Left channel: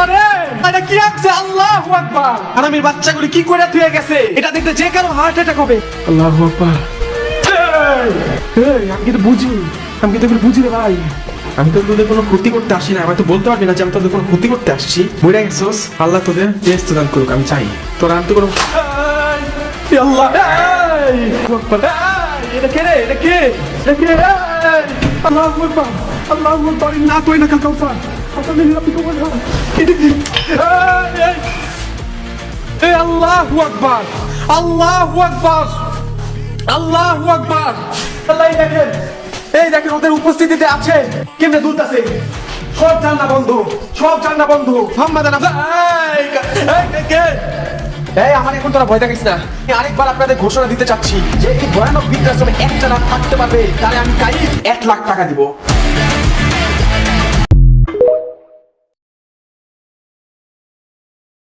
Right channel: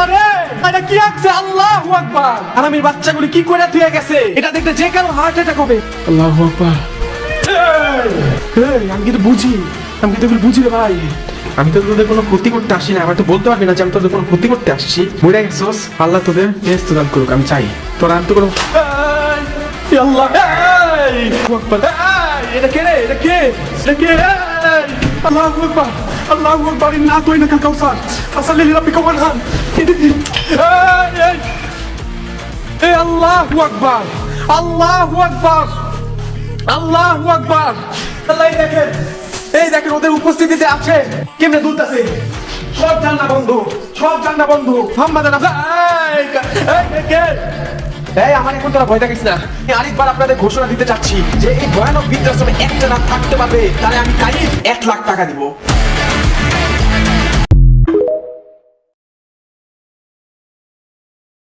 আল্লাহ রে, এটা কি আছে? আল্লাহু আকবার। হারামির বাচ্চাগুলো কি করে ধুয়ে গেছে? এটা দেখতে যে কারো হার্ট অ্যাটাক হবে। আল্লাহু আকবার। আমি কিন্তু বুঝি, আমি কিন্তু বুঝি রে ভাই। আমি তো তোদের কোনো ক্ষতি করতে আসি না। আমি তো বলতে পারবি না যে আমি তোদের কোনো ক্ষতি করতে আসছি। বুঝে গেছিস? আল্লাহ তোদের টেস্ট দান করুক, আমি চাই। তোরা আমি তো কোনো আল্লাহ এটা কে রে? এটা কে? এটা কে? আল্লাহু আকবার, আল্লাহু আকবার। না তুই না কাউসার আসলে রাব্বিকা ওয়ানহার। এই আল্লাহু আকবার, আল্লাহু আকবার, আল্লাহু আকবার। আল্লাহ দেখেন, এই দেখেন ওদের উপস্থিতিতে আছে কেমনে দুলতাছে। সব জান্নাত বন্ধু, সব জান্নাত বন্ধু। মোহাম্মদ এই আমার এখন তোরা ভয় দেখিস না। আমি আরেকবার আপনাদের ঘোষণা দিতে চাচ্ছি যে এই ভয়ানক বৃদ্ধাশ্রমে একটা রাত থাকতে পারবে তাহলে আমি কাইফ 1 লাখ টাকা দিব।